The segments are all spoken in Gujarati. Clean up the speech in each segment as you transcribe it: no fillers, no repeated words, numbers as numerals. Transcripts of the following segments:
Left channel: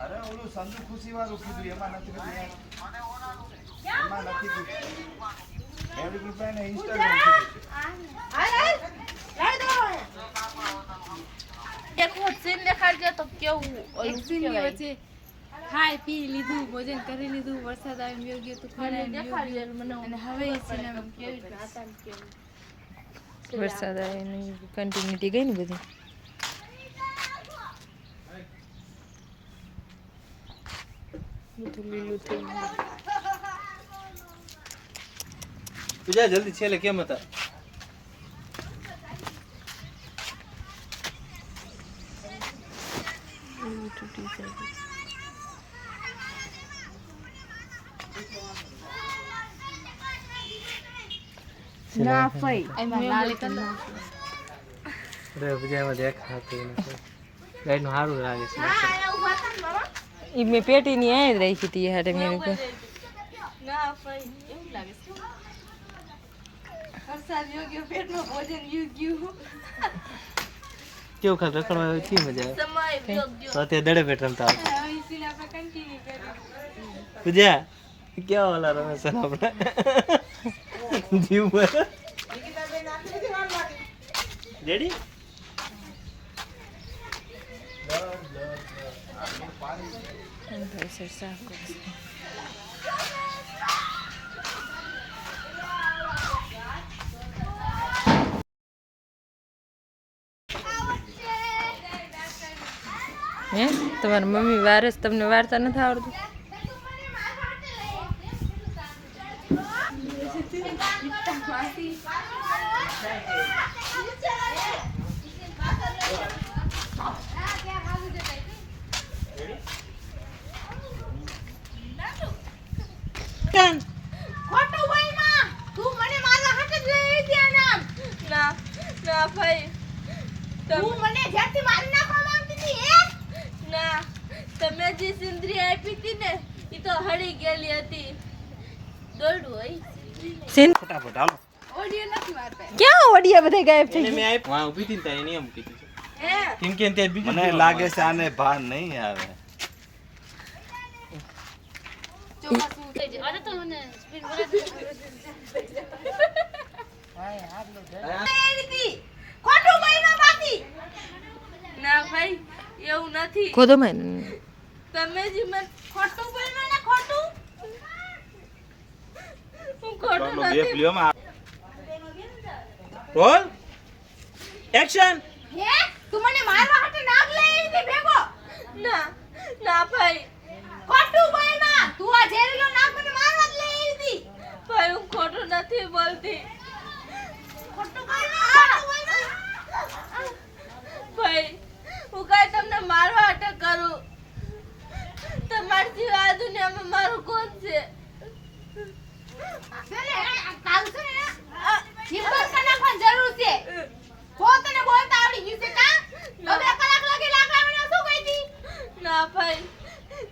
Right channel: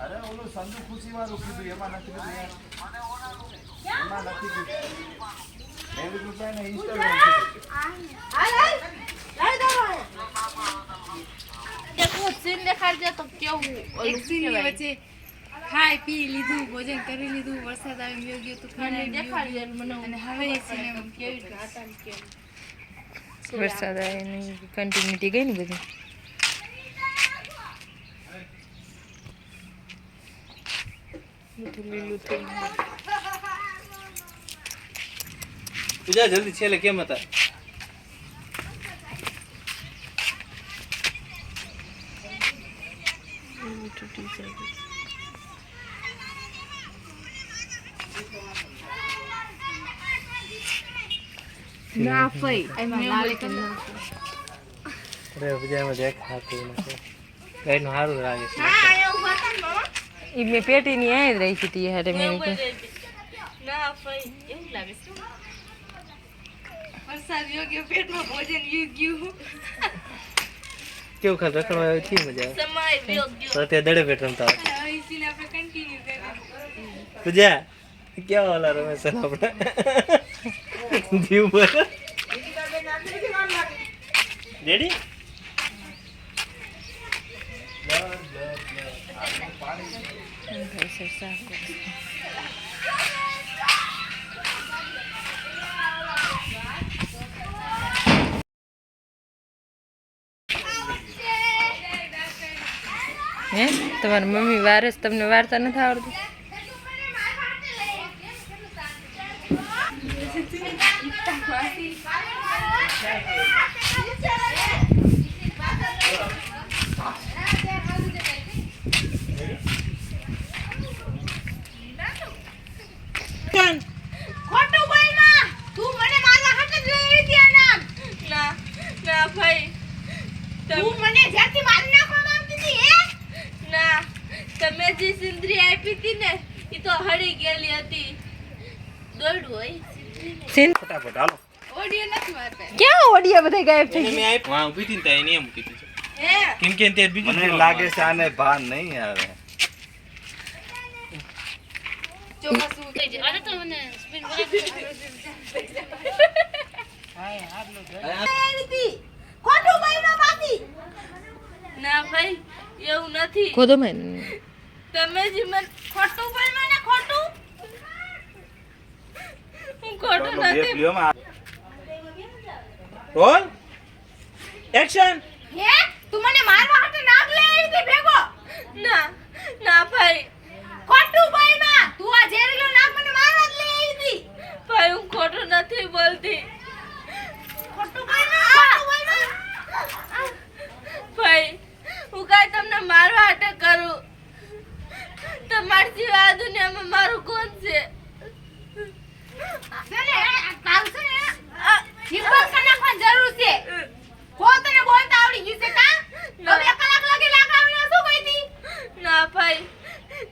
અરે ઓલું સંજુ ખુશી વાળું કીધું એમાં નથી કીધું યાર એમાં નથી કીધું એવી રૂપિયા ને ઇન્સ્ટાગ્રામ એક સીન દેખાડજે તો કેવું એક સીન વચ્ચે ખાઈ પી લીધું ભોજન કરી લીધું વરસાદ આવી ગયો ગયો તુફાન દેખાડજે મને અને હવે એ સીન કેવી વરસાદ આવે ને કન્ટિન્યુટી ગઈ ને બધી બધું લીલું થઈ ગયું પૂજા જલ્દી છેલ્લે કેમ હતા તૂટી જાય ના ફઈ એમાં લાલ કલર અરે પૂજામાં દેખ હાથું ગાયનું સારું લાગે છે હા આયા ઉભા થા ને મામા એ મેં પેટીની આ જ રાખી હતી હારે મેં ના ફઈ એવું લાગે છે વરસાદ યોગ્ય પેટમાં ભોજન ગયું કેવું ખાત રખડવા થી મજા સમય યોગ્ય આવે અત્યારે દડે પેટ રમતા હવે એ સીન આપણે કન્ટિન્યુ કરીએ પૂજા કેવા વાલા રમે છે આપણે જીવ બોલ રેડી ભાઈ સર સાફ કરશે હે તમારી મમ્મી વારસ તમને વાર્તા નથી આવડતું ખોટું બોલ માં તું મને મારા હાથ જ લઈ આવી હતી આ નામ ના ના ભાઈ તું મને જ્યાંથી મારી નાખવા માંગતી હતી હે ના તમે જે સિંદરી આપી હતી ને ઈ તો હળી ગયેલી હતી દોડવું હોય ફટાફટ હાલો ઓડિયો નથી વાર્તા ક્યાં ઓડિયા બધા ગાયબ થઈ એને મેં આપ્યું હા ઊભી હતી ને ત્યાં એને એમ કીધું છે હે કેમ કે ત્યાં બીજું મને લાગે છે આને ભાન નહીં આવે ચોમાસું અરે તો મને સ્પિન ખોટું બોલ બાકી ના ભાઈ એવું નથી ખોદો મેં તમે જે મને ખોટું બોલ્યા ને ખોટું હું ખોટું નથી રોલ એક્શન હે તું મને મારવા હાટે નાગ લઈ આવી હતી ભેગો ના ના ભાઈ ખોટું બોલ્યા તું આ ઝેરીલો નાગ મને મારવા જ લઈ આવી હતી ભાઈ હું ખોટું નથી બોલતી ખોટું બોલ્યા ભાઈ હું કાંઈ તમને મારવા હાટે કરું તમારી જેવા આ દુનિયામાં મારું કોણ છે જરૂર છે કો તને બોલતા આવડી ગયું છે કા તો 2 કલાક લાગે લાગાવણી શું કહીતી ના ભાઈ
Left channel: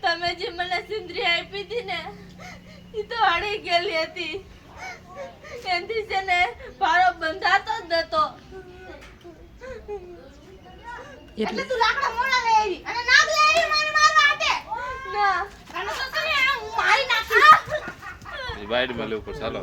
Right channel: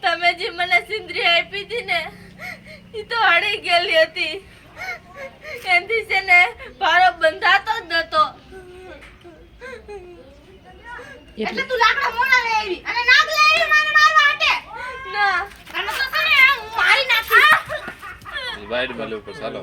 તમે જે મને સિંદરી આપી હતી ને ઈ તો હળી ગયેલી હતી એનથી છે ને ભારો બંધાતો જ નતો એટલે તું લાકડા મોણા લઈ આવી અને નાગ લઈ આવી મને મારવા હાટે ના તને તો છે ને હું મારી નાખી વાઈડ માં લેવું પડશે હાલો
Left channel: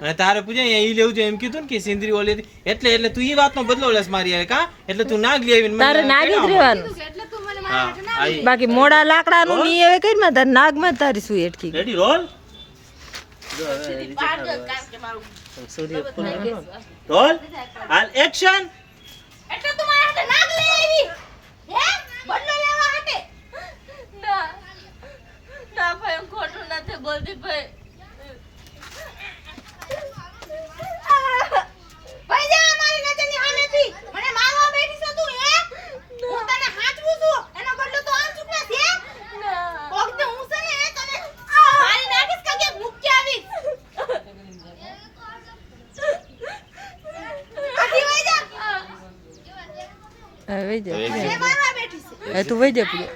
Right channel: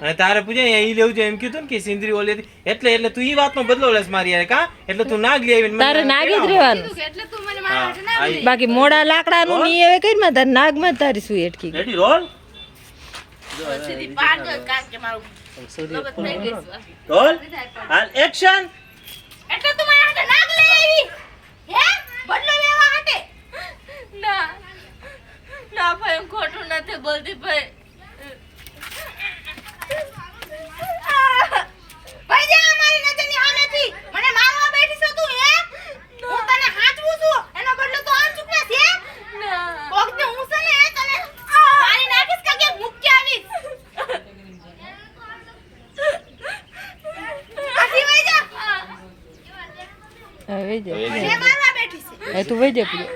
અને તારે પૂજા અહીંયા ઈ લેવું છે એમ કીધું ને કે સિંદરી ઓલી હતી એટલે તું ઈ વાતનો બદલો લેસ મારી યાર કા એટલે તું નાગ લઈ આવીને તારે નાગ જ રહેવાનું એટલે તું મને મારા હાટે ના બાકી મોડા લાકડાનું ની હવે કઈ માં તારે નાગમાં તારી શું એટકી રેડી રોલ સીધી પાડ દો કારણ કે મારું લગત થઈ ગઈ છે રોલ હાલ એક્શન એટલે તું મારા હાટે નાગ લઈ આવી હે બદલો લેવા હાટે ના ના ભાઈ હું ખોટું નથી બોલતી ભાઈ ભાઈ જા અમારી નજરની સામેથી મને મારવા બેઠી છો તું હે હું તને હાચવું છું એનો બદલો તો આમ ચૂકના છે ના કોક ને હું છે ને તને મારી નાખીશ કે મુક્તિ આવીશ આથી વઈ જા હવે જ મને મારવા બેઠી છે હવે તું વહી જા પૂજા.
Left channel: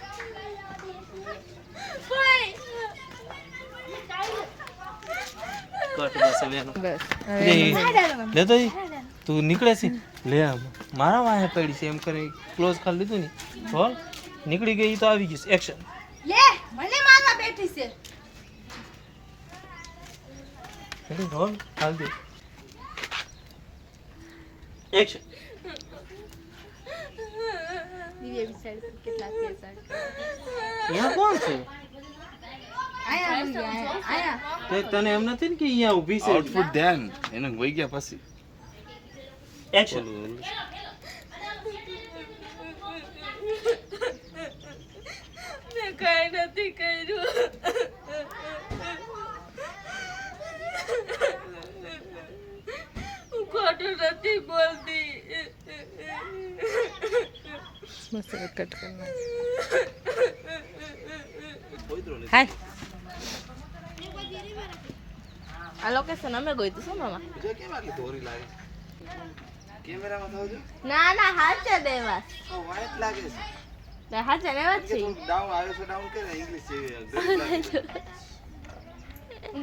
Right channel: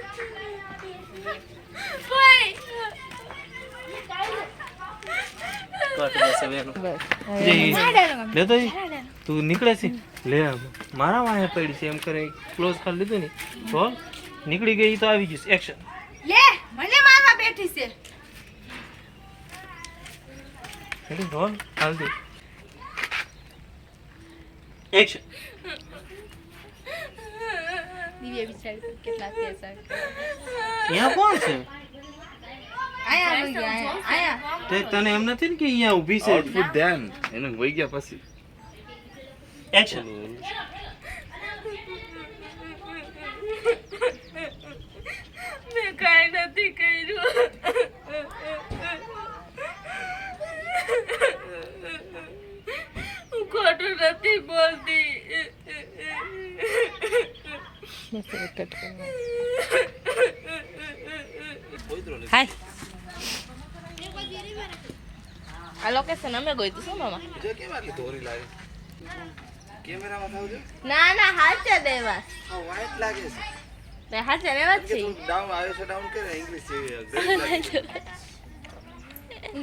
બસ હવે લેતો તું નીકળે છે લે મારા વાહે પડી છે એમ કરે ક્લોઝ કરી લીધું ને તો નીકળી ગઈ તો આવી ગયું એક્શન લે મને મારવા બેઠી છે. એટલે બોલ હાલ દે એક્શન દિવ્યા બિચારી કેટલા પૈસા અહીંયા કોણ છે આયા આવી ગયા આયા તે તને એમ નથી ને કે અહીંયા ઊભી છે આઉટપુટ ધ્યાન એને વહી ગયા પછી એક્શન મેં કાંઈ નથી કર્યું. હું ખોટું નથી બોલતી. બસ હવે કટ કરવા. હાય આ લોકેશન અમે ગઈ હતી શું મામા? કેમેરામાં થાવ ના ના હાચે દેવા વાઈટ લાગે છે ને હાચે દેવા જ છે. ડાઉન આવ્યો છે ડાઉન કરે ઇંગ્લિશ છે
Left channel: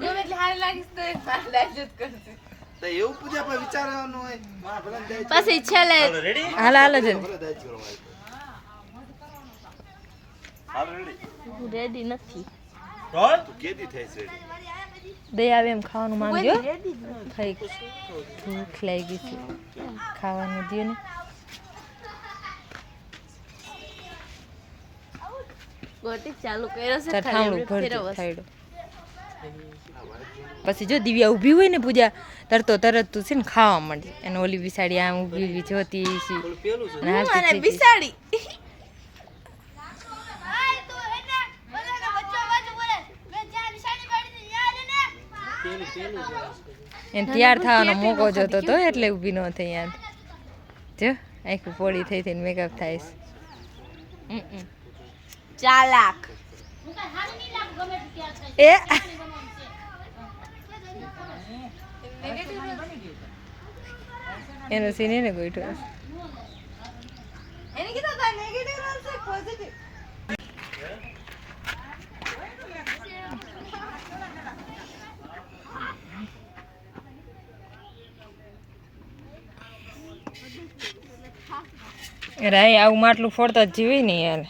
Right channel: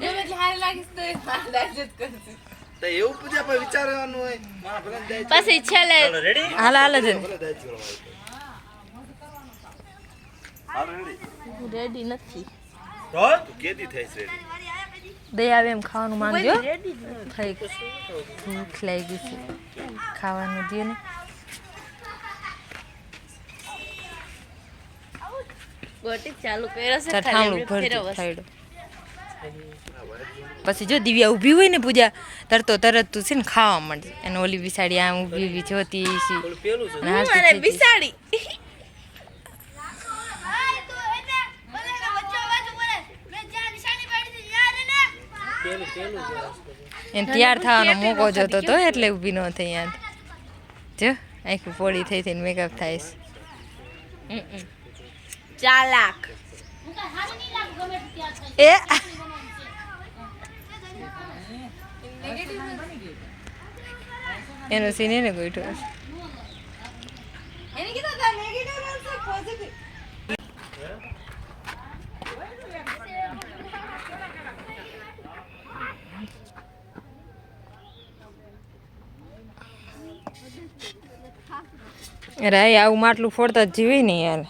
ગમે એટલે હારી લાગીશ તો એ મારી લાઈફ જ કરશે. તો એવું પૂજા પર વિચારવાનું હોય મારા ભલા જાય પછી છેલ્લે રેડી હાલ હાલ જ ભલા જાય કરવા હાલ રેડી રેડી નથી. તો તું કેદી થાય છે રેડી દઈ આવે એમ ખાવાનું માંગજો ખાઈ ભૂખ લાગી છે ખાવાનું દે ને. ગોટી ચાલુ કર્યો છે તાર ઠામડું ભરજો ફેરવો. થાયડો. પછી જો દિવ્યા ઊભી હોય ને પૂજા તરતો તરત તું છે ને ખાવા માંડશે અને ઓલી બિસાડી આમ ઊભી ઊભી જોતી છે પેલું છે અને હાલતી મને થઈ જાય. બિસાડી પેલું છે એને તૈયાર થવાનો મોકો જોતો તો એટલે ઊભી ન થઈ યાદ જો આખું પોળી થઈ થઈને મેકઅપ થાય છે. ચાલાક. એ એનો સીન એને ગોઈઠો એને કીધું તા નેગેટિવ રોલ છે પોઝિટિવ. રાય આવું માટલું ફોડતા જ જીવી નહીં યાર.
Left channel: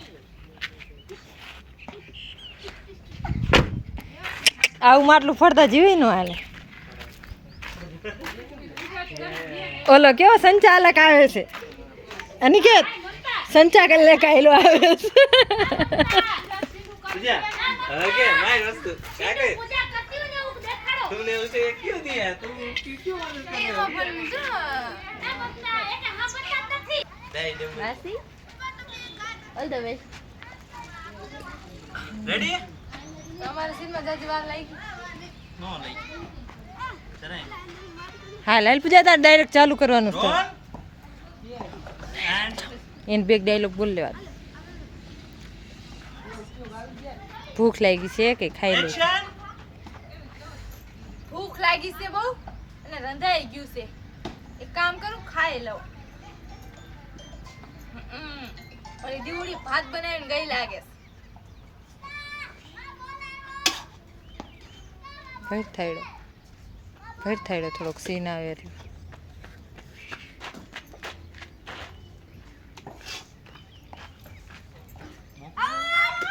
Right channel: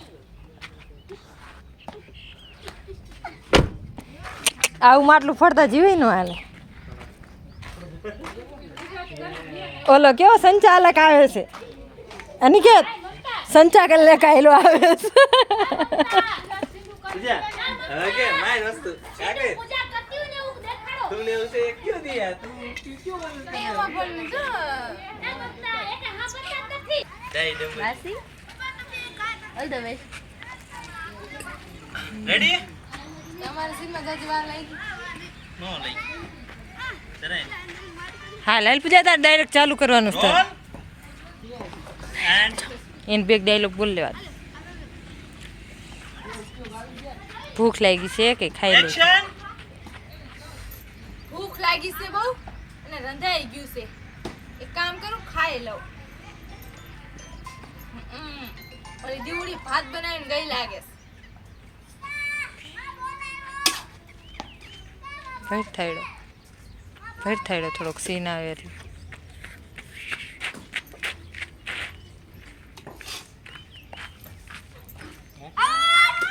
આવું માટલું ફોડતા જીવી ન હાલે. ઓલો કેવો સંચાલક આવે છે અનિકેત સંચાલક આવેલો આવે છે. પૂજા હવે કે મારી વસ્તુ કાકે તુમને ઉસે ક્यों दिया તું ક્यों મદદ કરે દઈ દે વાસી ઓલ ધ વે. રેડી તમારા સીનમાં જાજી વાર લાગી. નો લઈ તને હા લાલ પૂજા તાર ડાયરેક્ટ ચાલુ કરવાનું છે એન્ડ એને બેગ ડાયલોગ બોલ લેવા. ભૂખ લાગી છે કે ખાઈ લો. એક્શન ભૂખ લાગી છે બહુ અને રંધાઈ ગયું છે. એક કામ કરું ખાઈ લઉં. ઓલી દીવડી ભાત બનાવીને ગઈ લાગે છે. ભેટ થાયડો થોડોક સીન આવે એટલે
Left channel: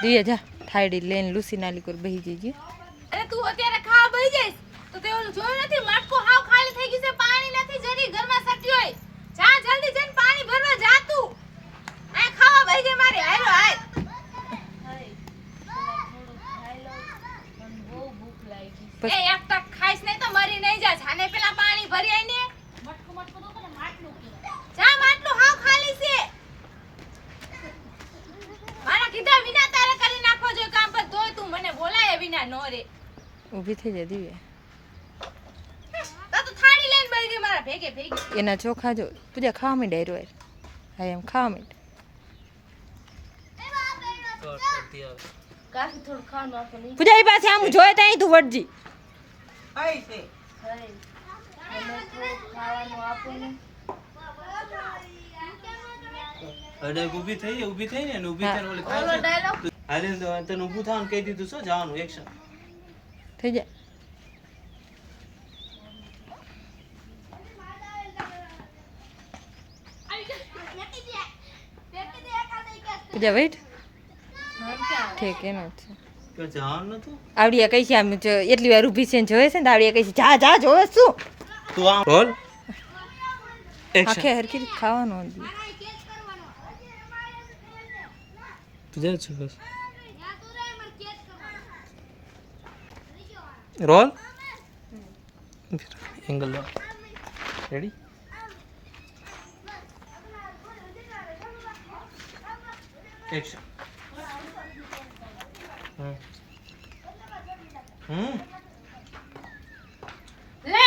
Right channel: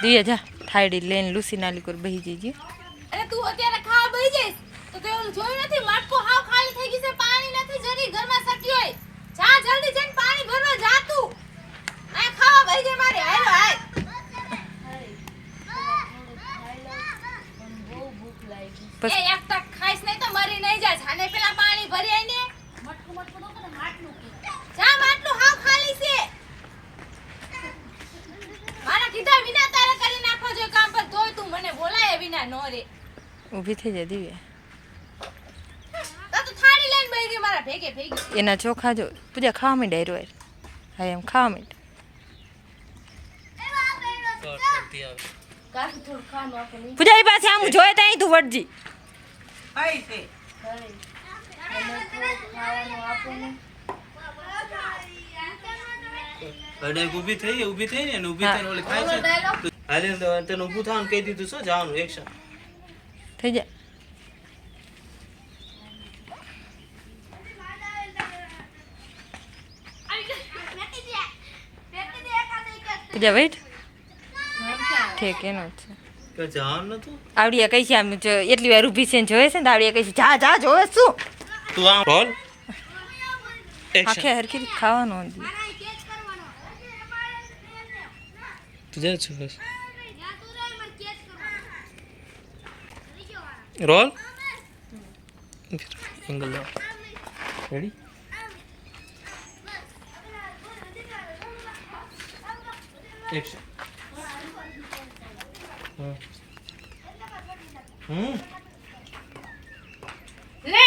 દિયા જા થાયડી લઈને લૂસી નાલી પર બેસી જઈએ. અરે તું અત્યારે ખાવા બેસી જઈશ તો તે ઓલું જોયું નથી માટકું હાવ ખાલી થઈ ગઈ છે. પાણી નથી જરી ઘરમાં સટ્યું હોય. જા જલ્દી જઈને પાણી ભરવા જા તું. આ ખાવા બેસી ગઈ મારી હાલો હાલ. બસ. એ એક ટક ખાઈશ નહીં તો મરી નહીં જા. જાને પેલા પાણી ભરી આઈને જા માટલું હાવ ખાલી છે. મારા કીધા વિના તારે કરી નાખવો જોઈએ કામ પર તોય તું મને બોલાય વિના નો રે. ઊભી થઈ જાય દિવ્યા. તો થાળી લઈને બેસી ગઈ મારા ભેગે ભેગી. એના ચોખા જો પૂજા ખાવા માંડ ડાયરો હા એમ ખાવા માંડ. કરતી આવે કાઢી થોડું ખાવાનું આપો નહીં. પૂજા એ પાસે આમ જોયે ત્યાં તું વટજી. આઈ છે મને થોડું ખાવાનું આપો ને. અડે ઊભી થઈ ને ઊભી થઈને ઓલી ખાય છે હાલે તને ઊભું થવાનું કહી દીધું શું જવાનું એક્શન થઈ જાય પૂજા વેઇટ ઠીક એનો જ છે કે જવાનું નતું આવડિયા કઈ છે આમ એટલી વાર ઊભી છે ને જોવે છે ને આવડિયા કઈ છે જા જા જોવે શું તું આમ બોલ આખે હરખી રીતે ખાવાનું હતી તું જા છું બસ રોલ એંગલ રેડી એક્શન લે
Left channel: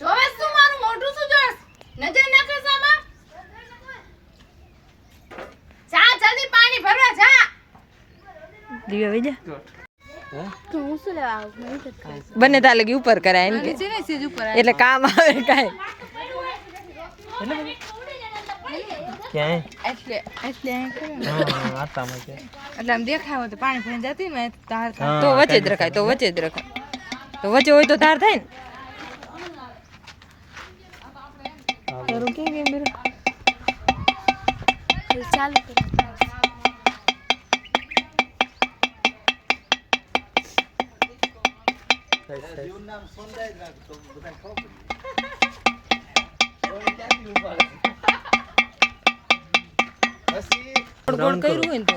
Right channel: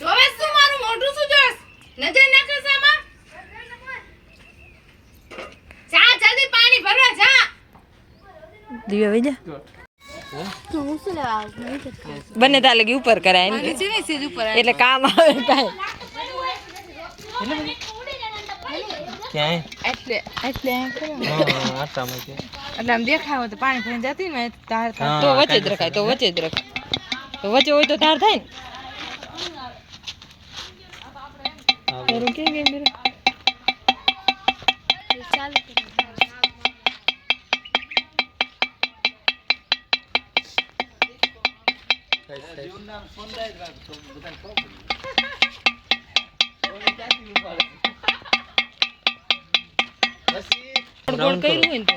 જોવે શું મારું મોઢું શું જોસ નજર નાખે સામા જા જલ્દી પાણી ભરવા જા દિવ્યા વઈ જા તું શું લેવા આવ બંને તા લગી ઉપર કરાય ને નીચે નહીં સેજ ઉપર એટલે કામ આવે કાંઈ ક્યાં એટલે એટલે આમ કરો ને. આટામાં કે એટલે આમ દેખાવ તો પાણી ભરીને જતી ને તાર થાય. તો વચ્ચે જ રખાય તો વચ્ચે જ રખાય તો વચ્ચે હોય તો તાર થાય ને તારું કેમ કેમ બેરો ચાલુ ગોળ ગોળ કર્યું હોય ને તો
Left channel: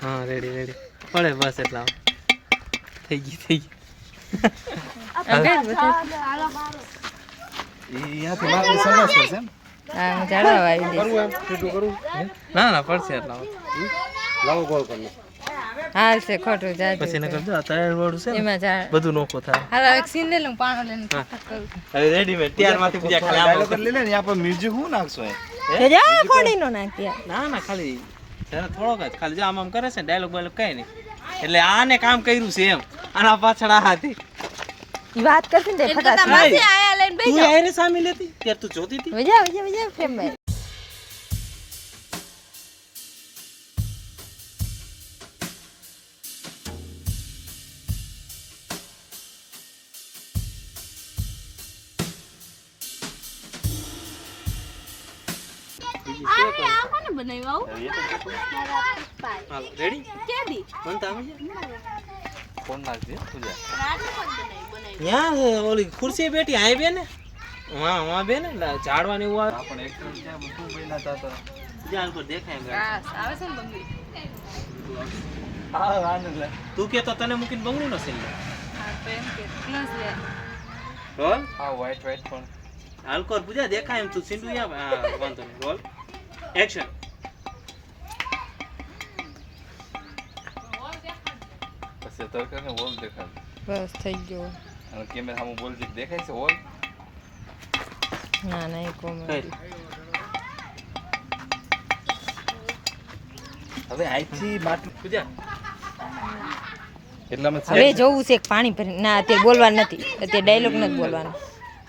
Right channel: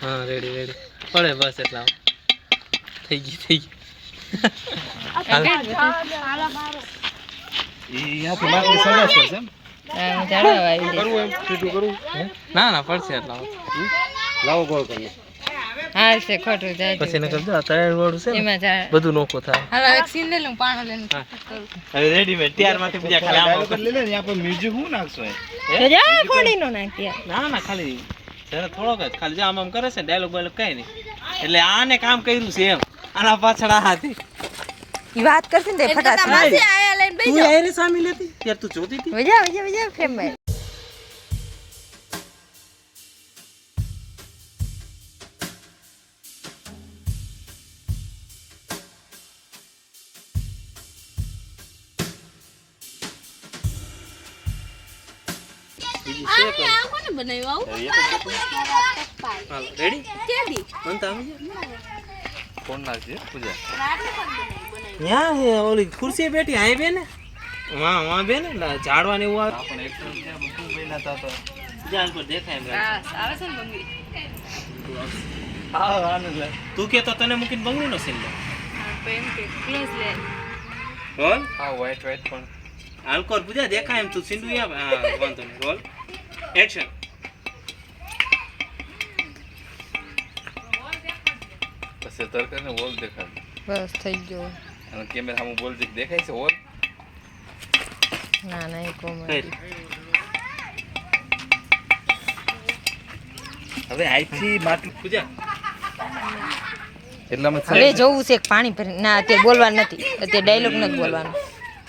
હા રેડી પડે બસ એટલા થઈ ગઈ અહીંયાથી માથે સરસ પડશે એમ હા હું જાડવા આવી દઈશ. કરવું એમ સીધું કરવું ના પડશે એટલા લાવો ગોળ કરી હા છે ખોટું જાજુ પછી એને કરજો તૈયાર વાળું છે ને એમાં જા બધું નોખું થાય હવે એક સીન લઈ લઉં પાણી લઈને કરું. હવે રેડીમેડ તૈયારમાંથી બીજા ડાયલોગ કરી લે ને આપણે મ્યુઝિક હું નાખશો એ તો જા ફોડી નો નાખ્યા ના ખાલી જરા થોડોક જ ખાલી જો આમ કરે છે ડાયલોગ બાયલોગ કઈ નહીં એટલે આને કામ કર્યું છે એમ આના પાછળ આ હતી ઈ વાત કરશે ને તે ફટાસ આયા લઈને તું આયરે સામે લેતી યાર તું જોતી હતી વજા ફેમ ભાઈ આ કોને બનાવ્યું હાલો રેડી કેદી બનતા આવી જાય ફોન નાખજે પૂજા ન્યા હે ઓલી ખુરશી બેઠી આય બે ને હા બે ને ઝાડવાની એવું આવે આપણે એક્ટર ક્યાં બધું બન્યા હતા તો જાન પર દેખાય ને આવે છે ને બંગડી હા વાનું લે તું કે તો તને મૂકીને બંગડી નો સીન લે હા તો એમ કે ક્લોઝ લે બોલ હા વ્હાઈટ પણ હાલકોર પૂજા દેખાય એમ તું સીંડુ યા વાંધો નહીં બોલ એક્શન પછી તરકારીનો હોલ દેખાય બસ થઈ ગયો અને કેમેરા સામે બોલ દેખાય છે હોલ ના એ કોમેડી હવે આઈથી માટલી પૂજા એટલામાં હવે જોવું છે કે પાણી ભરી ના અત્યારે બોલવાનું નથી અત્યારે ડાયલોગ નથી બોલવાનો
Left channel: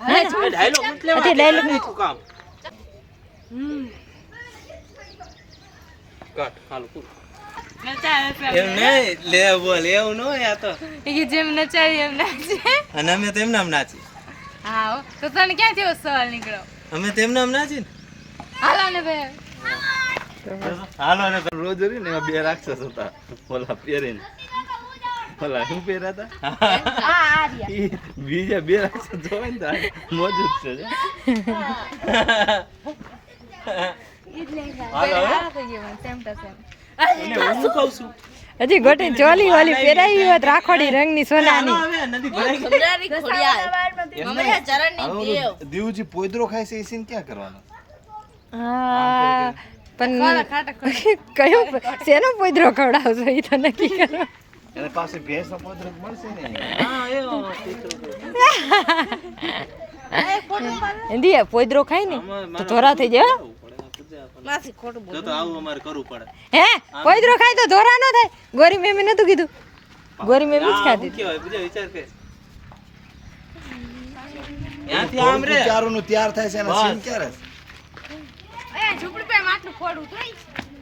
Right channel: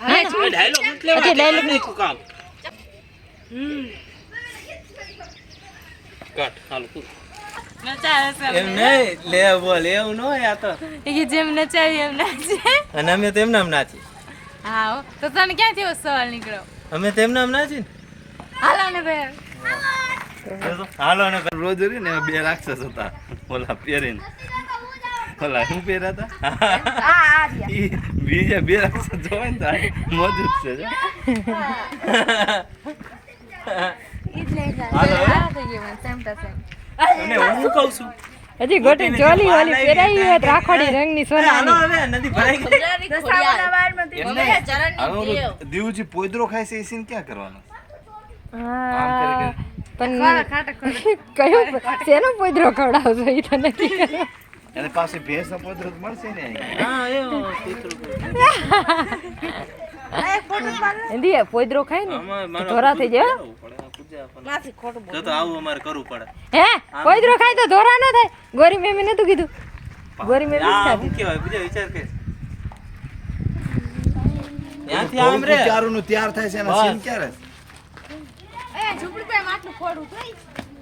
ના ના ડાયલોગ એટલે અત્યારે ડાયલોગ નથી કામ કટ હાલો પૂરું નચાવે છે એમ નહીં લે બોલ એવું ન હોય આ તો એ કે જેમ નચાવી એમ નાચે અને અમે તેમ નામ નાચી હા હો. તો તને ક્યાંથી એવો સવાલ નીકળ્યો અમે તેમ નામ નાચી ને હાલો ને ભાઈ હાલો ને રોજ રી ને એમાં બે રાક્ષસ હતા ઓલા પહેરીને ઓલા શું પહેર્યા હતા ઈ બીજા બે રાક્ષસ જોવાય ને તો મોજૂદ છે જો. અને હું કહું છું હજી ગોટી ચોલી વાલી પહેરાઈ હોય તો રાખોડી રંગની હાલો સોનાની હવે નદી ભરાઈ ગઈ હવે ઓલું દીવજી પોદરો ખાય છે એ સીન ક્યાં કરવાનો હા પણ કયો શેનો પોદરો ખવડાવશો એ તો નક્કી કરો એને પાસે ભેંસનો પોદરો જ મળશે ને હા એવો દીકરો એંધી પોદરો ખાય ને તો ધોરા થઈ જાય હો. જો તો આવું અમારે કરવું પડે હે પોદરો ખાય તો ધોરા ન થાય ગોરી મેમી નતું કીધું ગોરી મેમી જ આ ખાધી શું કહેવાય બીજા વિચાર કે ત્યાંથી આમ રે ત્યારનું તૈયાર થાય છે એના સીન ક્યારે એ ઝૂંપડી પર માટલું ફોડું તો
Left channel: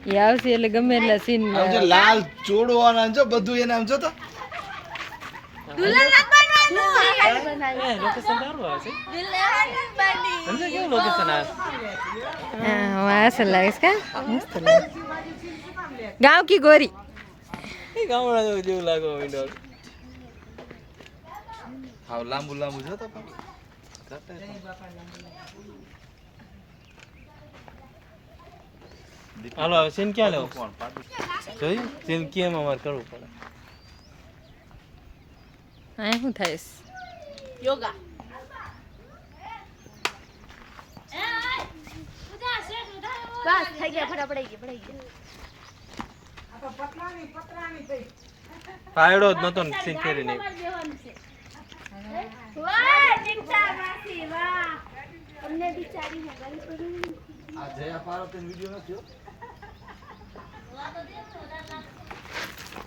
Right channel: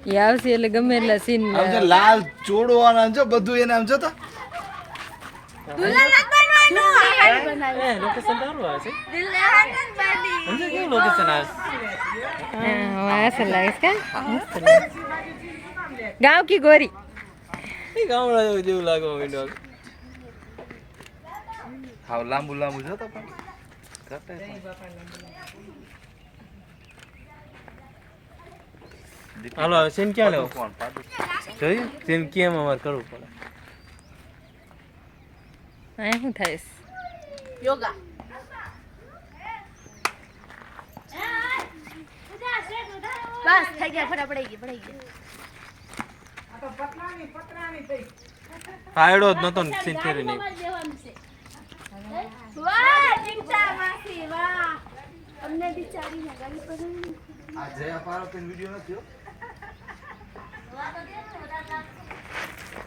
એ આવશે એટલે ગમે એટલા સીન આમ જો લાલ ચોડો અને આમ જો બધું એને આમ જો તો દુલ્હન નથી બનવાનું એ લોકેશન સારું આવે છે દુલ્હન નથી બની સમજે કેવું લોકેશન આવે ऐसा लगा इसका मस्त लगा गांव की गोरी છે ગામડા જેવું લાગે મને હાવ લાંબુ લાંબુ જો તો પણ હાલો હવે સીન ક્યાં લેવો જોયું જેમ કેમ અમારે કરવું પડે आए हूँ था इस યોગા બસ થઈ ગયા પડી ગયા કાયડો જ નતો ને સીન ફેરી નહીં વાહ દીક્ષા માસી વાહ અમને બિચારીને ગળી પડી આ જયા પારો પેન વિડિયો નથી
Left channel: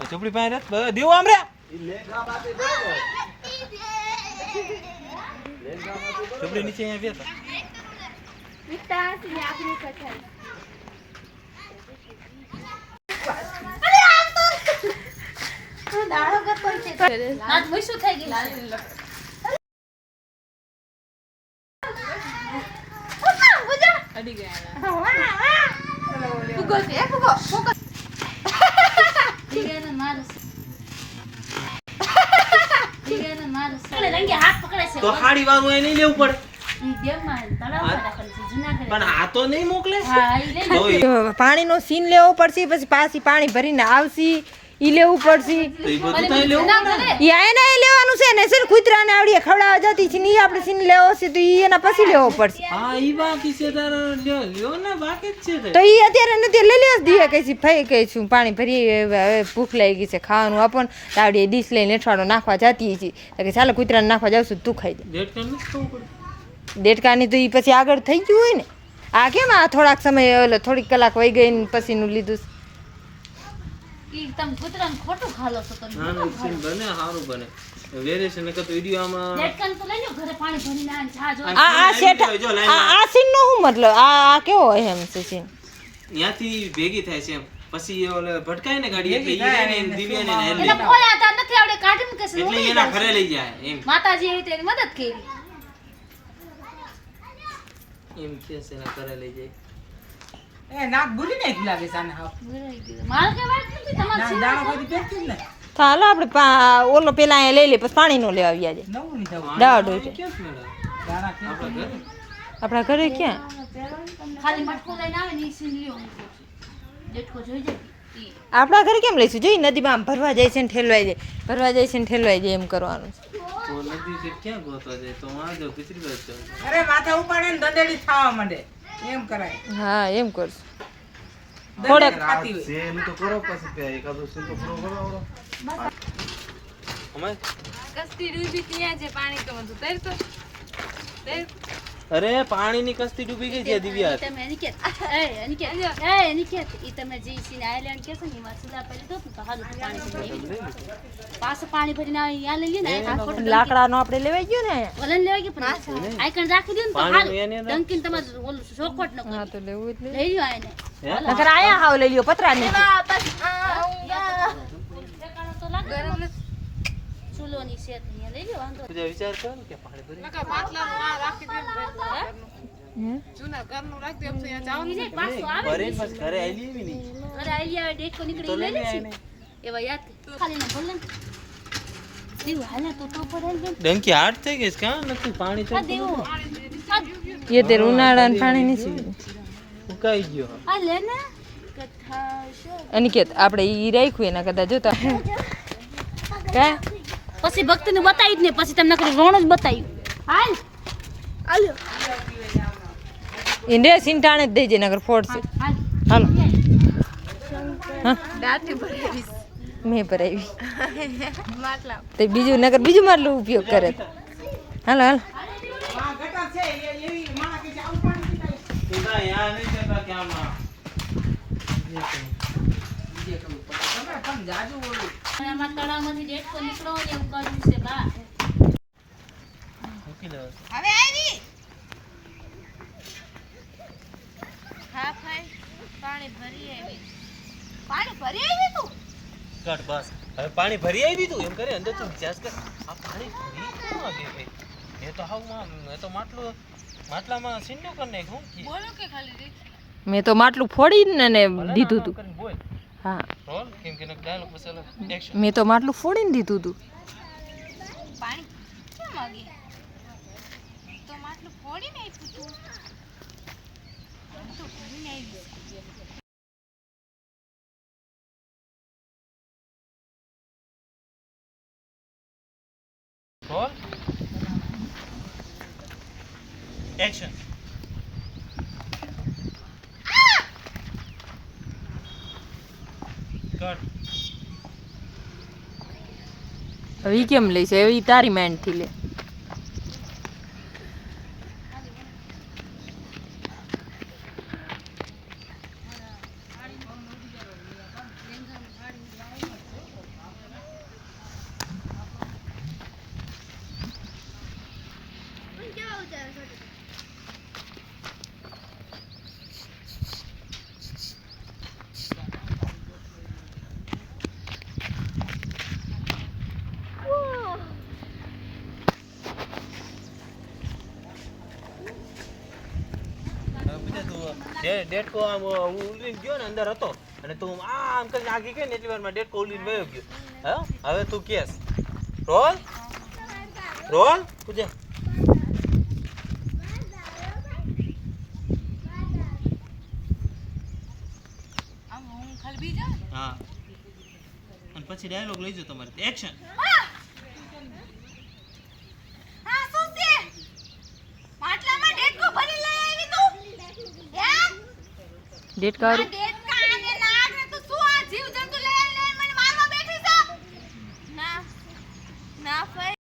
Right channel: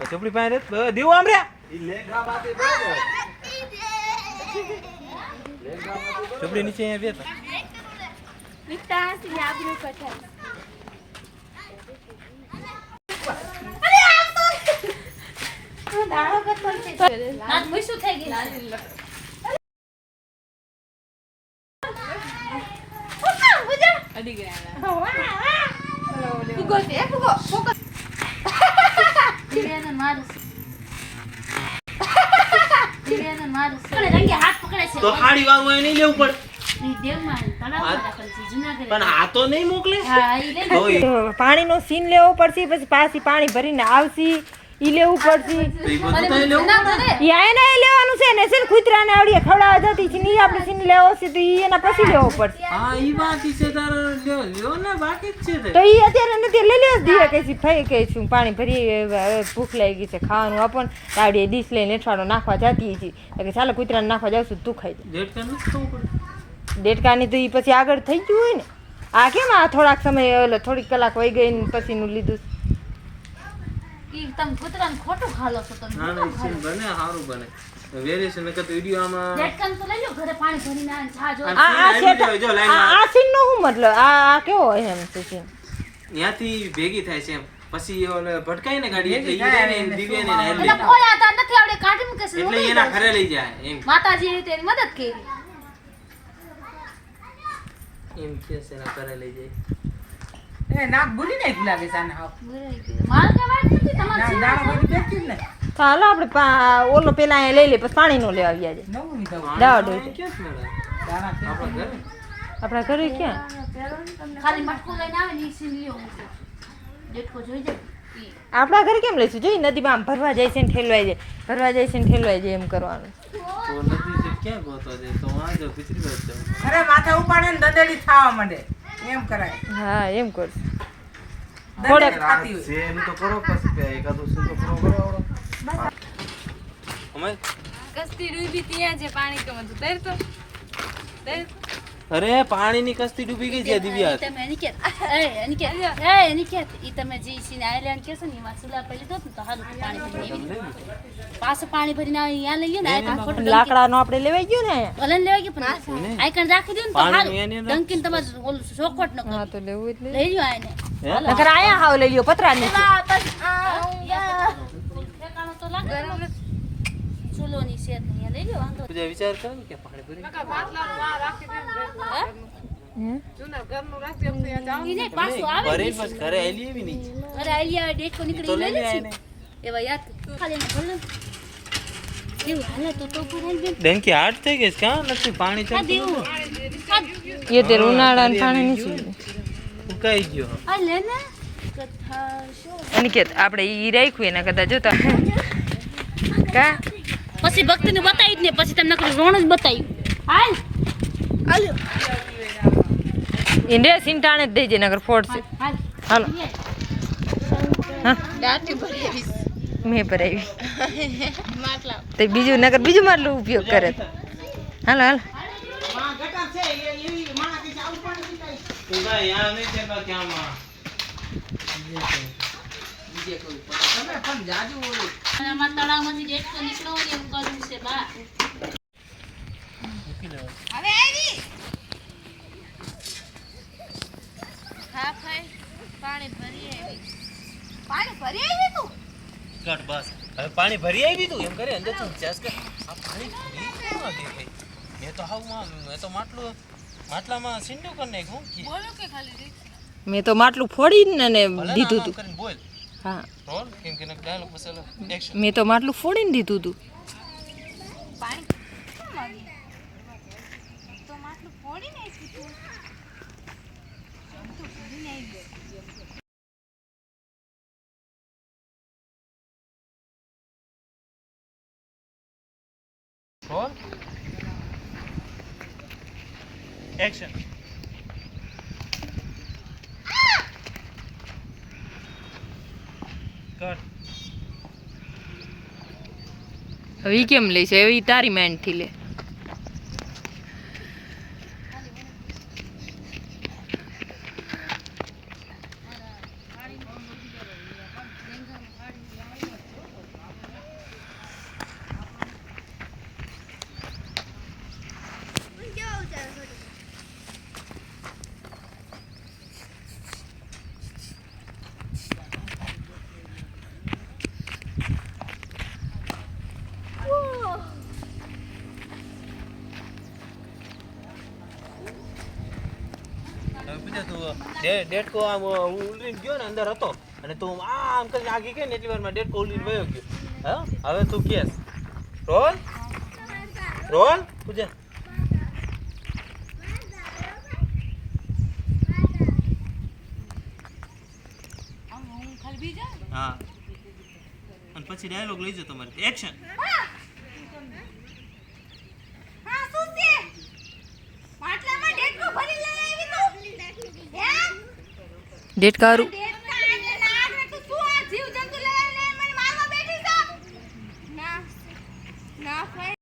ચોપડી પાસે રે દેવો આમ રે ઈ લેગા માટે દે લેગા માટે ચોપડી નીચે અહીંયા બેઠા વિતા સી આપને પઠાઈ તું દાડો કરતો છે નાત મુઈસું થઈ ગઈ ફુગો છે ફુગો ફોકસ દિવ્યાને મારસ પકડે રંગે હાથ પકડે છે તો ખાડી વાળું અહીં નહીં લેવું પડે ઈ દેવમાં તળાવ રાખેલ છે જુનાગઢ પણ આ તો નહીં મોકલે હા ઈ લે તો ઈ પાણીનો સીન લેવો પડશે પછી પાછી પાણી ભરીને આવશે ઈ લેવું પડશે બધું તો અહીં લેવું પડે ઈ આને લેવાનું છે ને છે ને કૂતરાને આવડીએ ખવડાવવા જતી છે ને ઈ આપણે સીન લેવો છે તો ઈ એના પછી લેવો પડશે હા ઈ બાકી છે તારો લ્યો ને બાકી જ છે તો ઈ અત્યારે નથી લઈ લે દીએ કે છે ભાઈ કહે છું પાણી ભરી હવે ભૂખ લાગી ગઈ છે ખાવાનું આપણ આવડીએ ડીશ લઈને એઠવાડો નાખવા જતી છે તો કે ચાલો કૂતરાને નાખવા જાવ છું તું ખાઈ જા ડેટ કાઢ નથી ખાવું પડે દેડકાની તો ઈ પછી આગળ થઈ ગયું હોય ને આ કેમ આ થોડાક સમય ઓલો થોડીક કલાક વહી ગઈ ને પછીનું લીધું ઈ તમે કૂતરાને ખોટું ખાલો છો તમે ના ના સીન બને સારું બને વેરિએશન નકર તો વિડિયો આમાં ડેટકાન તો લઈ લો ઘરે પાણી ભરીને આવીને ચા જો આ સેટ આ સીન નો શું મતલબ આ કેવો હોય એમ છે સીન ત્યાંથી ભેગી થાય છે એમ પછી ઓલે ભટકાય ને ગાડી એટલે ઈ ને દિવ્યાને ને હેલ્પ એટલે કોઈ આધાર નથી આવડે કાઢી મૂકે છે એટલે એના ઘરે લઈ જાય એમ માતાજી એવી તેની મદદ કરી એમ કે છે એના ઘરે લઈ જાય માર કે વાત નથી તમારી ચાલો આપણે ઓલો પેલા અહીંયા લઈ લે પછી પાણી નો લેવા આવ્યા જાય દવા ડોટે ક્યાં મેળા આપણા ઘરે આપણા ઘરે ક્યાં ખાલી મટકો લઈને આવે ને ઈ સીન લ્યો જેટકો જોઈ જાય ઈ આપણા ઘરે કેમ લઈશું જોઈ નદીમાં આમ ભરવા જાય છે ને ઠેલવાઈ જાય ભરવા જાય છે ને ઠેલવાઈ જાય એમ કરવાનું તો નદી છે ક્યાં ગોતવા જાય તો આ જો ગુજરી બાજુ જાવ અરે માથે ઉપાડે ને દંડેલી થાવા માંડે એમ કરાય હા એમ કરશું દંડેલી ખાતી હોય છે એનું તો કરો પછી એકાદું સીન તો પૂરો કરો આવડો અમે કસ્તી ડૂબી ત્યાં છે પાણી કે બધું તરતો અરે પાણીની કસ્તી ડૂબી ગઈ છે દિવ્યા તમે અનિકેત ઈ તમે જે સીન આઈલેન્ડ કેસો ને એમાં સુલા પડી દો તો હાલ પાણી ભરી પાછું પાણી ભરીને આવે અહીંયા લઈ લે ને આ ખોટું લાકડાનો આપણે લેવાઈ ગયો ને અહીંયા ભલે લેવા કે પણ આઈકણ રાખી દો ને તો હાલ ડંકીન તમારે ઓલું ચોખવટ ન હા તો લેવું જ લઈ લ્યો આને નકર આયા હાવ લઈ લ્યો પતરા નીચે ચૂલોની શેત અહીંયા લઈ લ્યો વાંધો તું વિચાર કર ને કે પાણી ભરી ઈ નહીં, પાછું આવે ભરી બસ ઘરે આલી એવી નહીં અરે આઈ આવે ડેકો નીકળી લઈ લે છે એવા યાદ ખાલી ને ભલે દેવું હાલે તો ભરાઈ ગયું ડંકી હાર્ડ થઈ ગઈ છે કાં નથી પાણી આ ચાલતું દેવું એ તે ઉનાળાનું પાણી નથી ઉકાઈ ગયો આ લે ને કથા શો એની કે આપણે ઈ રાખ્યું એના કદાચ જોતા કા પછી ભક્તિને બતાવી જ ને પછી તમને રોણ જ બતાવ્યું હાલ હાલ્યો ઇન્ડિયા સિંટાણે જ દેજે નગર ફોડશે હાલ હાલો હા દાંતી ભરી મેં ભરાવી માટલા તો બીજું નગર બીજું માટલું ઉપયોગ કરે હાલો હાલો ગટર છે એવી માણા કે આવું પણ તું કાંઈ યા નહીં થતા કે આમાં તમે પણ જાજુ ઓલું આમાં તળાવમાંથી ડેટકો નીકળો હોય એવું કરવું છે બા મૂકી લેવાનું. હવે આવી હા ભાઈ પાણી ભરી આવી તું કર બસ હવે પાણી ભરી આવી તું એમ કરે અંદર તું વિચાર કે આ પાણી ભરી કેમ આવ્યું ભાઈ મેં તો માટલામાં સીંડું કરી નાખ્યું બોલો કે ખાલી મેં તો માટલું ફોડીને ને દીધું તું કરીને બોલ હા બોલ કેમ કે ડાયલોગ મસાલો એક્શન મેં તો માટલું ફોડીને દીધું તું પાણી કેમ માગી તો માટલું ફોડીને આપ્યું તું તો ભરીને આવી બોલ એક્શન કર હવે ઈ કેમ લઈશ એવી તારી માઇન્ડ થી લે પૂછા તું ડેટકો આમ ઉલરીને ગયો ને અંદર હતો અને તું આમ કરીને આગી ગઈ ને એટલી વારમાં ડેટકો ઉલરીને વયો ગયો હા હવે તું કેસ રોલ પૂજા આમ હું ખાલી બી જાઉં હા અને પછી ડાયલોગ લઈ જાઓ તમારે એક્શન હા શું છે માટલામાં ડેટકો ભરી લઈ આવી તું હે ડેટ કારું ડેટકા અને નાગ ને તું શું આ જીવ જંતુ લઈ મને મારવા બેઠી છે ના ના ભાઈ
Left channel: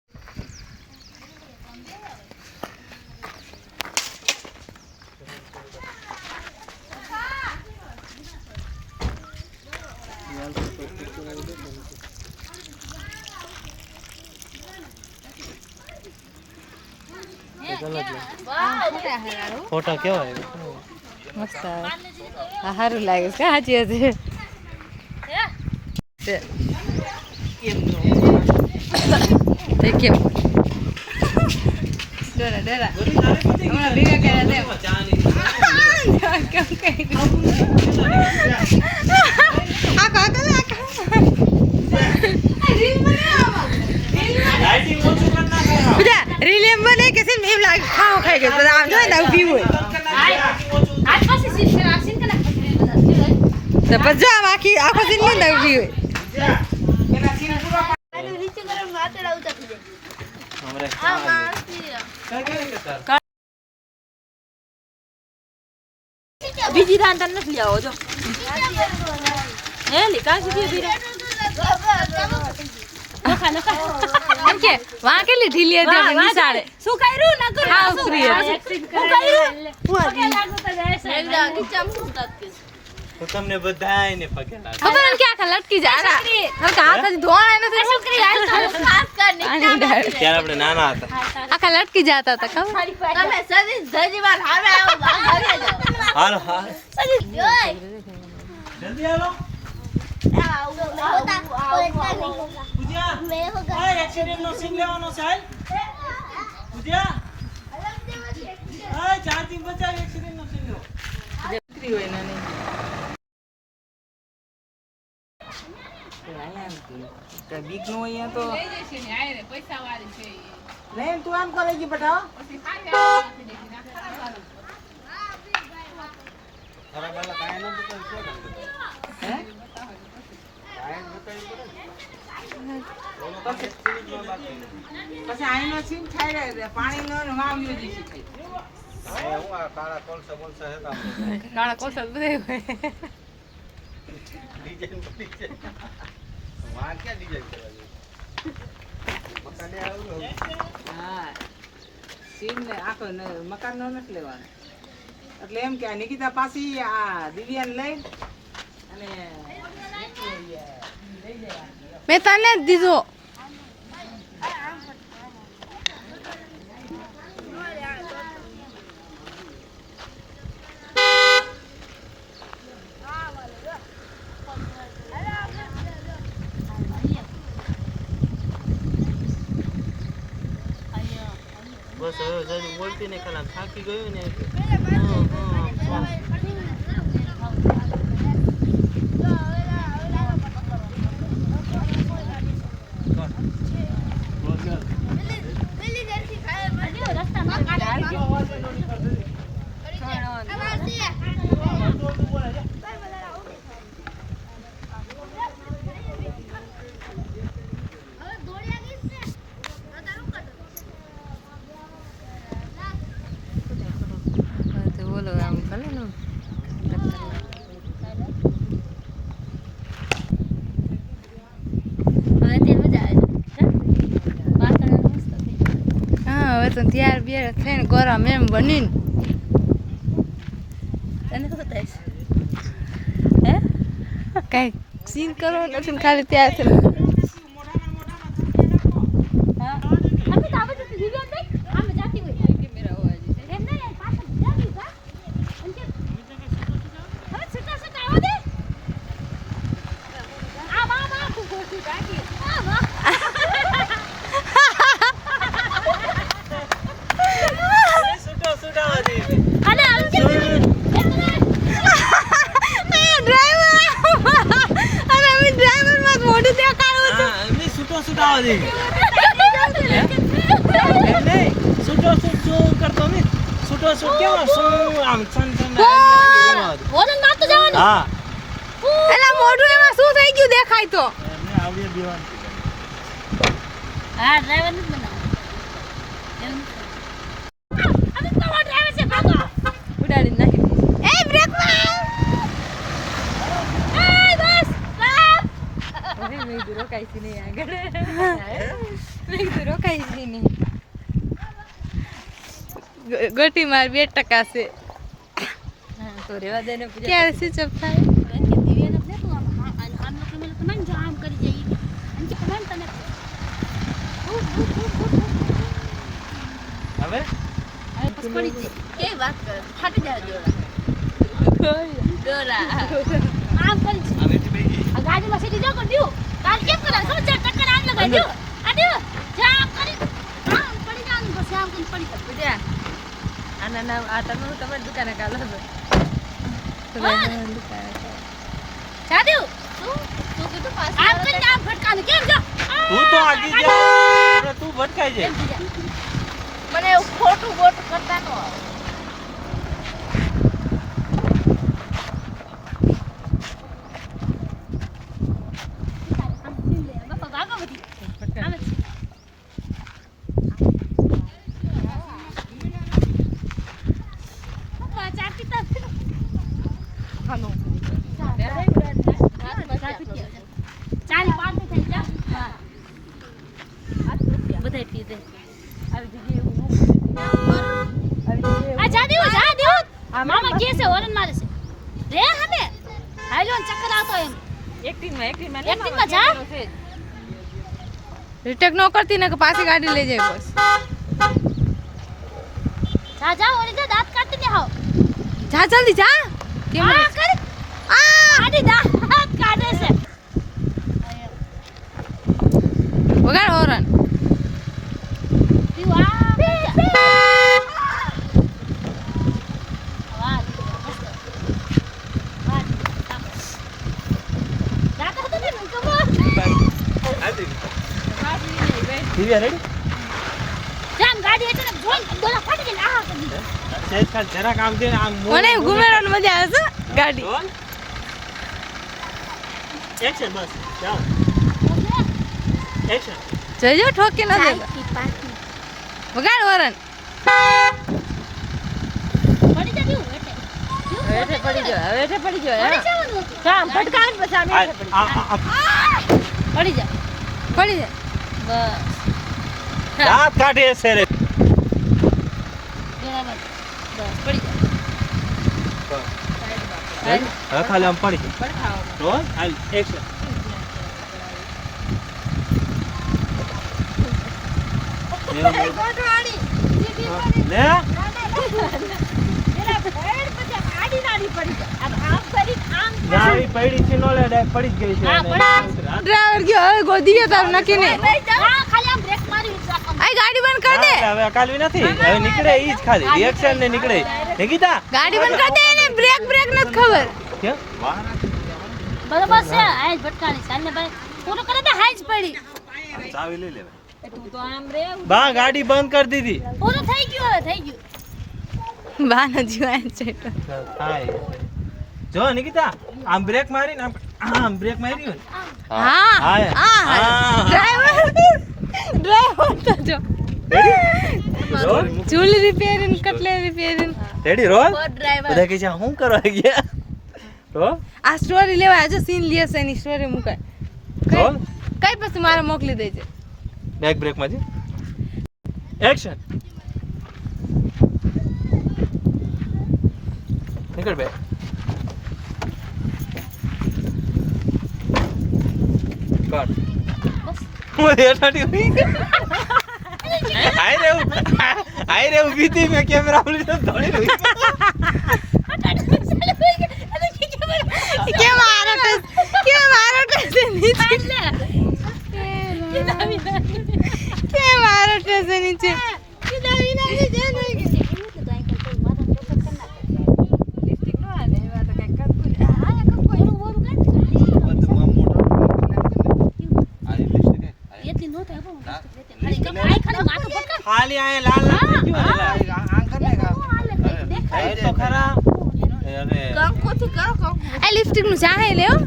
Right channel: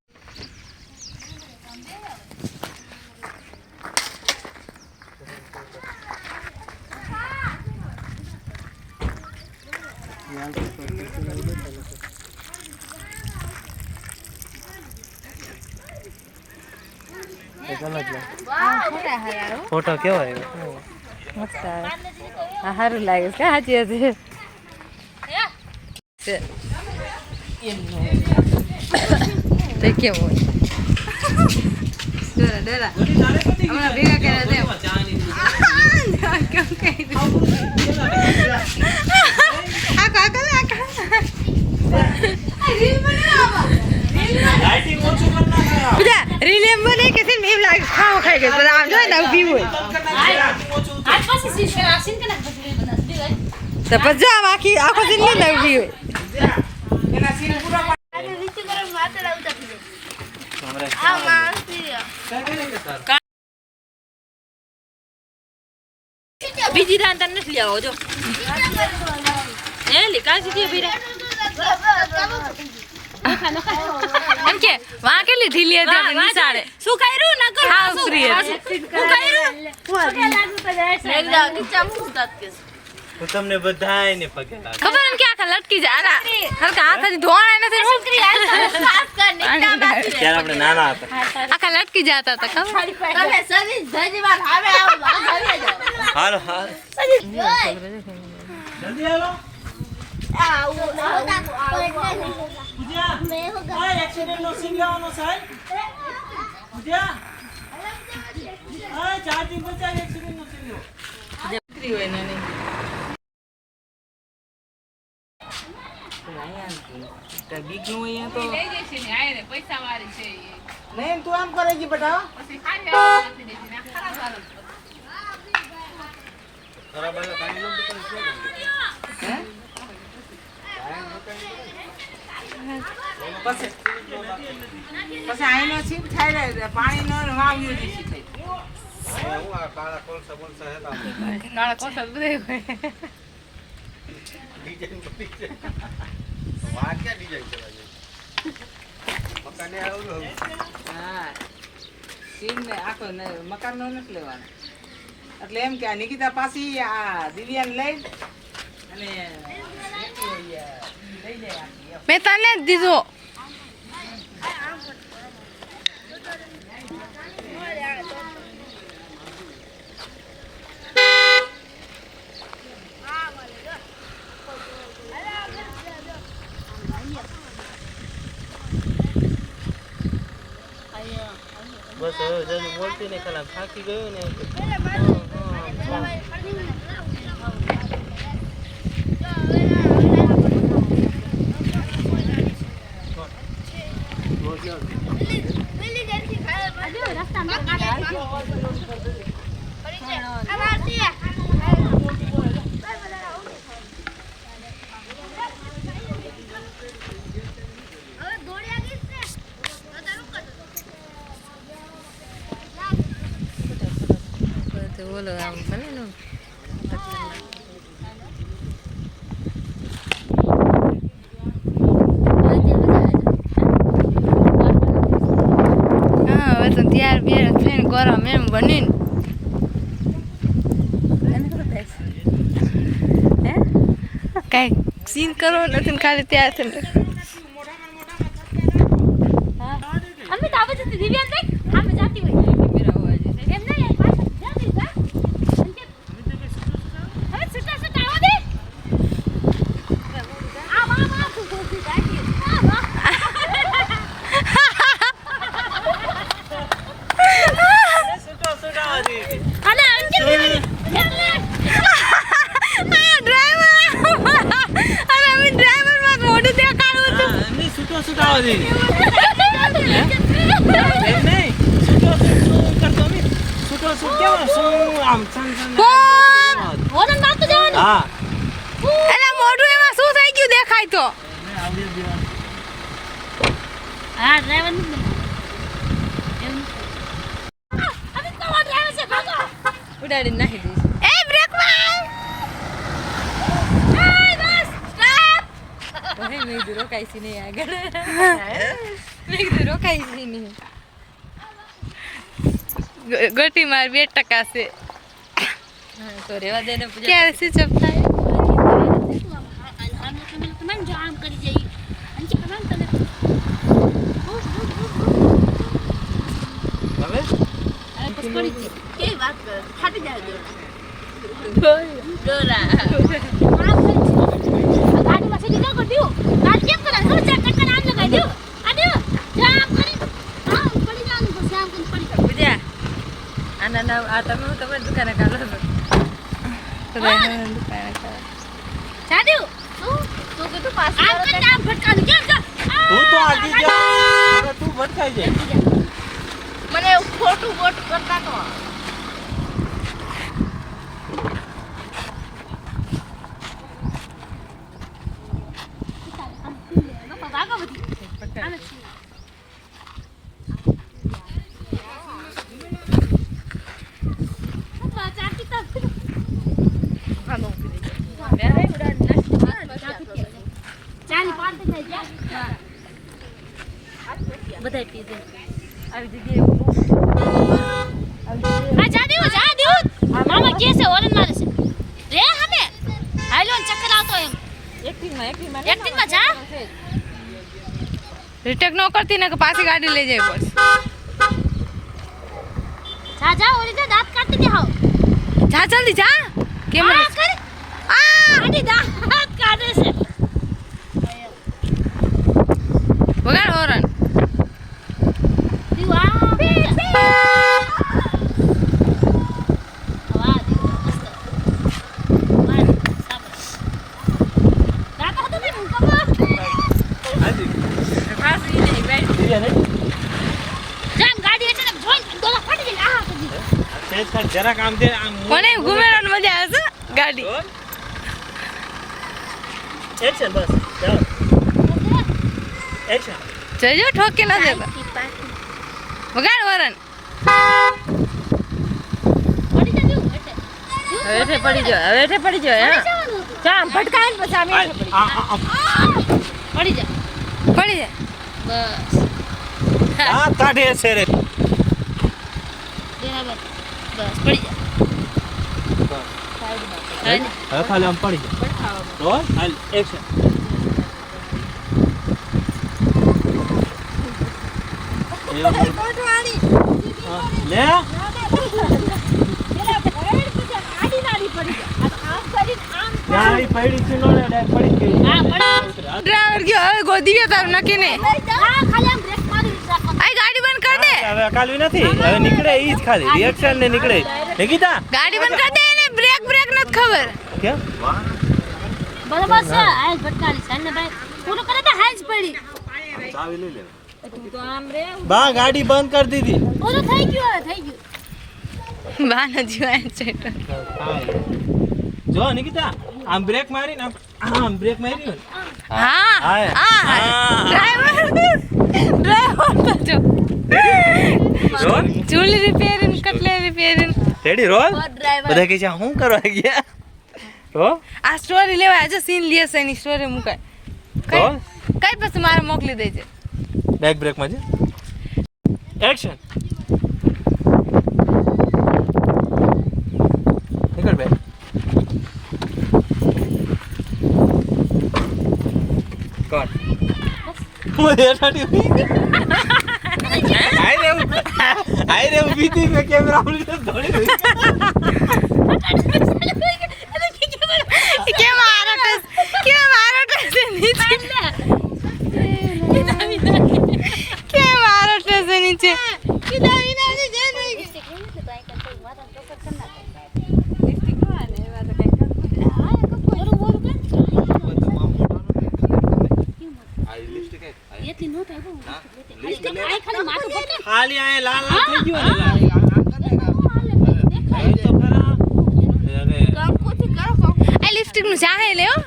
ફોટો કેવાય મસ્ત આવે હા સારું લાગે છે સાચી હતી તે કેમ હોય બધા રીલ એમ બને કે છે એમ લાગે ખાવા ખાઈ ગયો બધા આમ જોઈ ને ઊભી હોય તો પછી જો આમ આખો સીન લે ને ઊભી હોય એના સીન પૂરા બીજી રાન તને નથી આવો જો એ લીકા સીધી બીરા એમ કે વાં કેટલી ઢીલી હતી આપણે નિશાળે શું કર્યું ન કર હાઉ ફ્રી હતી હું તમને બધાયને પગે લાગુ ખબર ને કે આખા લટકી જાય આના કારણ કે હાથથી ધોવાય નથી પાણી ઉડાવે ત્યારે આપણે નાના હતા આખા લટકી જતા હતા ખબર તમે સદી ધજીવાલ હવે આવો ઘરે જાઓ હાલો હાલ જલ્દી હાલો પૂજા આ એક્સિડન્ટ નો સીન લેવાનો સાહેબ પૂજા આ ચાર્જિંગ બચાવ એક્સિડન્ટ નો સીન લો દીકરી હોય નાની ગીગનું અહીંયા તો નહીં તું એમ કરે છે બેટા પછી આઈનો સીન થાય રે પાણી નો વાવ્યો છે કાળા કોસા બધે હા સીન આખો મકાન નો નથી લેવાનો એટલે એમ કે નિકિતા પાછી આ દિવ્યાને લઈ અને લઈ જાય મેં તને જ દીધો બસ હવે જલ્દી બોલતી નહીં, ખાલી આમ થાકી ગયો ને બોલો આમ ભલે ને હા હવે તો તૈયાર બિયાર થઈને ગરમ એમ બનીને કાંઈ સીન કરવો નથી ને ખાલી તૈયાર થઈને અમે તો આવે છે દિવ્યાન દેખ આમે જાતી હોય એમ નહીં પાછળ જાતી જા હવે સટા સટા આવો દે આ મામા તું ગોતી જાતી અને અંકિત અરે અમે ડ્રાઈવર માં મોઢું દેખાડું છું નહીં છૂટો છૂટાવા દે એમ નહીં છૂટો કરતો નહીં છૂટો છૂટ કેવો શું આમ વોરન માર તો જવાનું હા એલા મોઢું એમાં શું થઈ ગયું દેખાય તો મેં આવડી દેવા હા ડ્રાઈવર નથી બનાવ એમ અમે તો ડ્રાઈવર છે ભાગો ઉડાડી નાખ એ બ્રેક માર એ બસ સ્ટોપ ઓહે મેં દૂર રોકાઈ છે નહીં આગળ મેં દૂર રોકાઈ છે નહીં ગોટી માર 2% છે તો રેવા દે ને પૂજા ક્યારે સ્વિચ ઓફ થાય મેં જો આમ કરી જઈ અંકિત નામ તને હવે આ બસ પડી જઈ કે વાત કરે ફાટી જાય દોરા આ કરી ગાડીમાં સીધી જો કરી દઉં ગાડી કેમ કરા શું ચા ટક્કર આમ લગાઈ દઉં આ દઉં જા કરી હા પડી જાનું બસ આમ કરી પડી પૂજા આના નામ આ તમે હું તમારી દુકાને કાઢો તો દુકાને કાઢો જા દઉં તું કે તું પાસ આમ કરી આમ ભટકાનું કેમ જો તું તો આગી જા અરે તું ભટકાઈ જાય મને ખોટું મોટું કરતા તો બધાય પી દે આ જા દેવું મામા કે છે ઓરન મારે છે રે હમે હાલો ચક્કર આવતો એમ એક્ટિંગમાં જા રિટેક ન કરતી ને કે પાછી ગાડી લઈ જાય બસ જા ઓરે જો દાંત કાઢતી કે હાવ જા જલ્દી જા કેમ આ કર આ આડી દાંત કાઢે છે વગાડ હોરન દિવ્યા રેડી જરાક આમ દે આમ કોને ઘુમેરવાની મજા આવે છે ગાડી એક્શન બસ જાઓ એક્શન જજો ઠોકી ન દેતા વગાડ હોરન હવે પડી ગયો હા જા ભટકાય પછી અમે પડી જા બસ દાંત કાઢે છે રે બસ પડી જા હવે ખાલી આમ પડી રોલ હાલ એક્શન લે નારી પડી છે નો લે પડી ગઈ ડ્રાઈવર ગયો હવે ગોદી ગયો તારું નક્કી ને ખાલી આમ બ્રેક મારી આ ગાડી બંધ કર દે હવે કાલવી નથી હવે નીકળે ઈ જ ખાલી રિએક્શન ને નીકળે નિકિતા ગાડી બંધ કરી દે ને બ્રેક નથી ખબર કેમ બરોબર છે આજ ભટકાની સાને ભાઈ પૂરો કરે તો હાજ પડી ચાવી લઈ લે તું તો આમ રે બા ગાડી બંધ કરી દીધી પૂરું થઈ ગયું હવે થઈ ગયું બાનો જીવાય છે થાય જો નિકિતા આમ બ્રેક મારીને આમ બ્રેક મારી ને હા હા. ડ્રાઈવર તો જો રોલ ચૂલ રિપેરિંગ કટલે રિપેરિંગ રેડી રોલ ડ્રાઈવર બધા કે છે હું કરવા ગયા હો આ સ્ટોરી લેવા આજો સીન લેશે એની સ્ટોરી મુકાય રોલ કઈ પછી મારે મોકલી દેજે બેક બ્રેક માં છે એક્શન નીકળ બે કટ મુझे હેઠાડી हुई આઈ રે ઊભી થી મે કેમેરા લીધો દોડી રહી કે મારો ટસ નીચે કે મારો ટસ નીચે ખાલી આય લાલ લાલ થઈ ગયું આંકર ને કાઈ તો ખરા અરે આ લિપસ્ટિક નું ચાહે લ્યો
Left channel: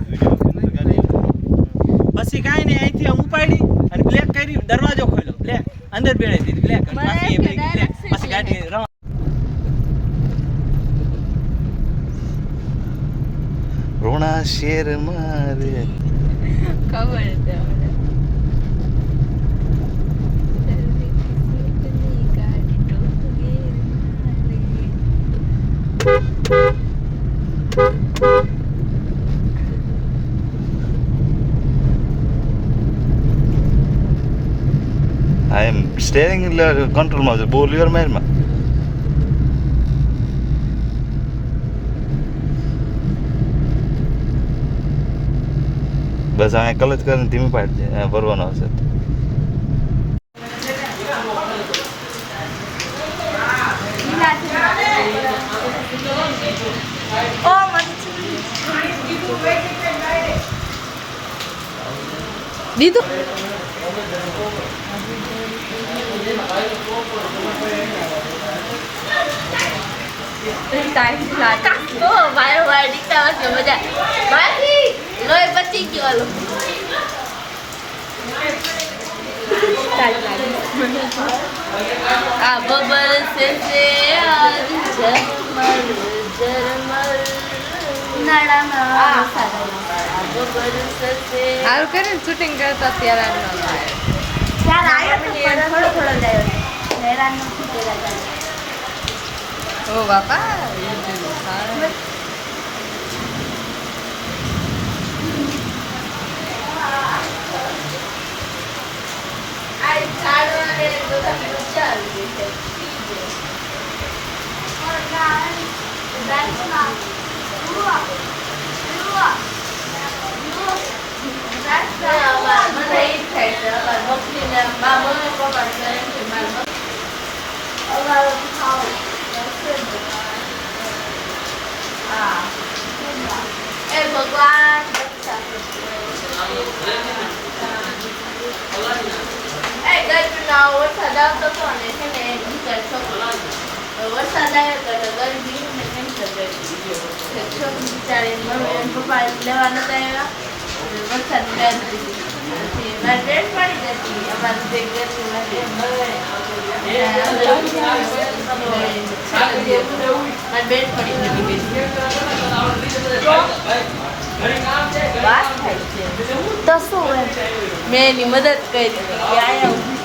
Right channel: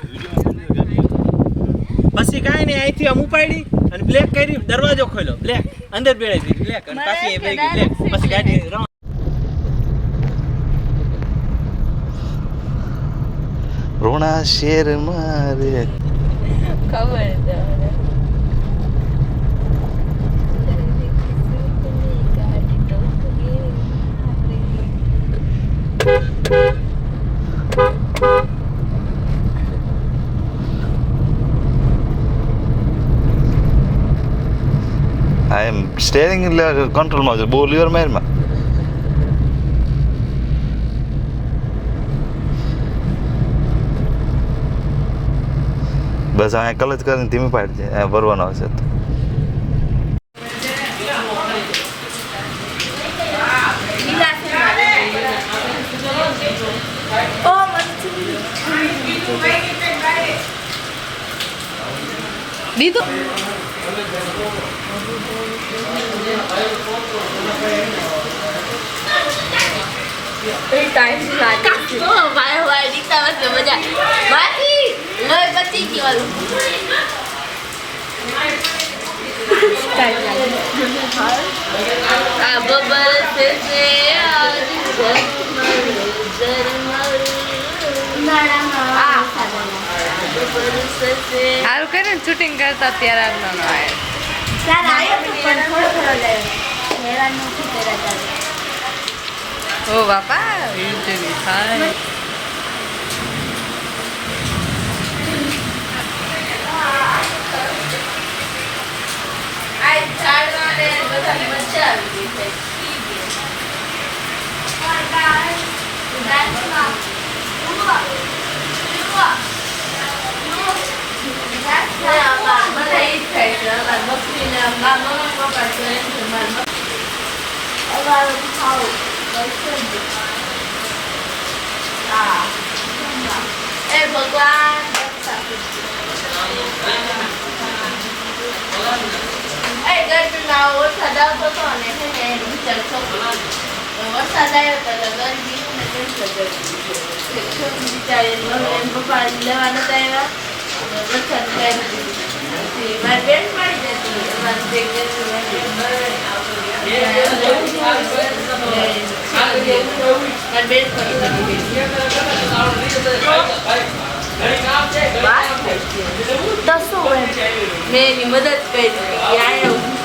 પછી કાઈ નહીં અહીંથી આમ ઉપાડી અને બ્લેક કરી દરવાજો ખોલ્યો બ્લેક અંદર બેડાઈ દીધી બ્લેક અને બાકી એ બેગી બ્લેક પછી ગાડી રોણા શેર મારે ખબર આઈ એમ સ્ટેરિંગ કંટ્રોલમાં છે બહુ લીવર મારમાં બસ અહીંયા કલચ કરીને ધીમી પાડી છે ભરવાનો હશે તો દીધું સારું કરે ને શૂટિંગ કરતા ત્યારે ઓ બાપા થાય ભગવાન ગરમીમાં વરસાદ આવતો હતો અને છે ને વિચાર છોકરી વરસાદ આવ્યો હતો એટલે ગરમી ને કેન્સર કરી છોકરી બિચારી પપ્પા લેવા નતા આવ્યા વરસાદ પછી મારી બેન પડી જતી અમારી બે મારી બેન પડી તો શું મેં એની મદદ કરી કે આયા